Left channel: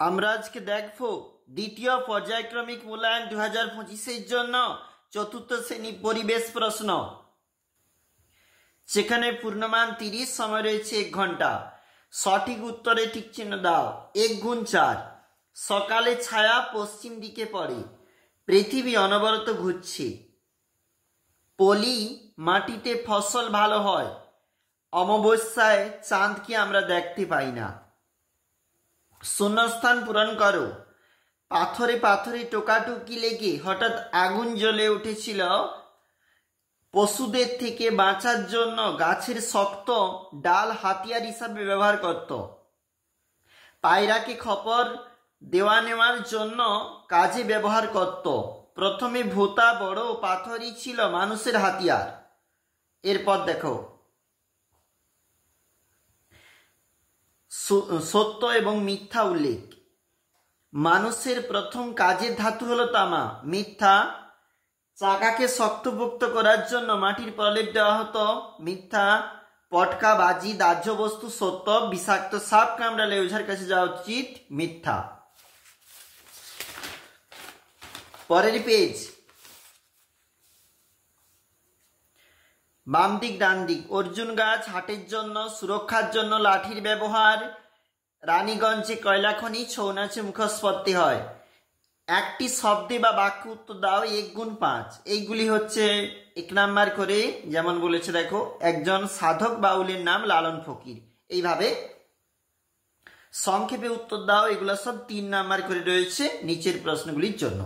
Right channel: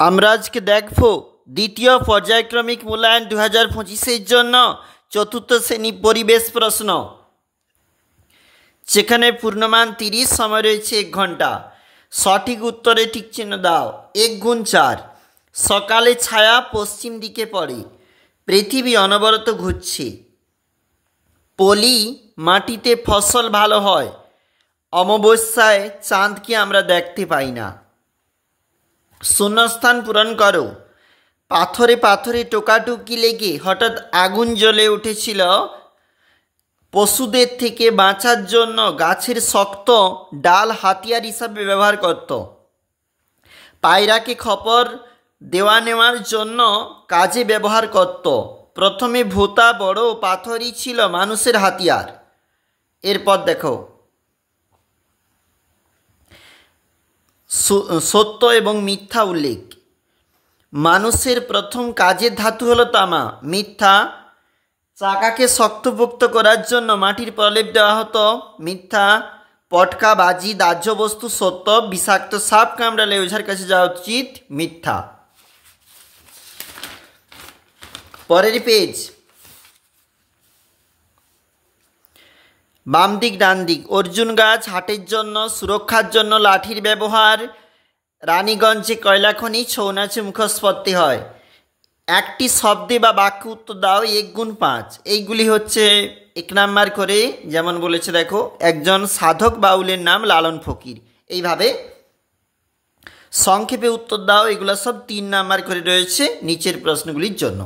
আমরা আজকে দেখব দ্বিতীয় পর্যায়ক্রমিক মূল্যায়ন 2025-এর জন্য চতুর্থ শ্রেণী পরিবেশ প্রশ্ন, যেখানে পূর্ণমান 30, সময় রয়েছে 1 ঘন্টা। সঠিক উত্তরে টিক চিহ্ন দাও। 1 গুণ 4। সকালে ছায়া পশ্চিম দিকে পড়ে, পৃথিবী অনবরত ঘুরছে। পলি মাটিতে ফসল ভালো হয়, অমাবস্যায় চাঁদকে আমরা দেখতে পাই না। শূন্যস্থান পূরণ করো। পাথরে পাথরে টোকাটুকি লেগে হঠাৎ আগুন জ্বলে উঠেছিল। পশুদের থেকে বাঁচার জন্য গাছের শক্ত ডাল হাতিয়ার হিসাবে ব্যবহার করত। পায়রাকে খবর দেওয়া নেওয়ার জন্য কাজে ব্যবহার করত। প্রথমে ভোঁতা বড় পাথরই ছিল মানুষের হাতিয়ার। এরপর দেখো, সত্য এবং মিথ্যা উল্লেখ। মানুষের প্রথম কাজের ধাতু হলো তামা। মিথ্যা। চাকাকে শক্তপোক্ত করার জন্য মাটির প্রলেপ দেওয়া হতো। মিথ্যা। পটকা বাজি দাহ্য বস্তু। সত্য। বিষাক্ত সাপ কামড়ালে ওঝার কাছে যাওয়া উচিত। মিথ্যা। পরের পেজ, বাম দিক ডান দিক। অর্জুন গাছ হাটের জন্য, সুরক্ষার জন্য লাঠির ব্যবহার। রানীগঞ্জে কয়লা খনি, ছৌ নাচে মুখোশপত্তি হয়। একটি শব্দে বা বাক্য উত্তর দাও। 1 গুণ 5। এইগুলি হচ্ছে 1 নাম্বার করে, যেমন বলেছে দেখো, একজন সাধক বাউলের নাম লালন ফকির। এইভাবে সংক্ষেপে উত্তর দাও। এগুলো সব 3 নাম্বার করে রয়েছে নিচের প্রশ্নগুলির জন্য।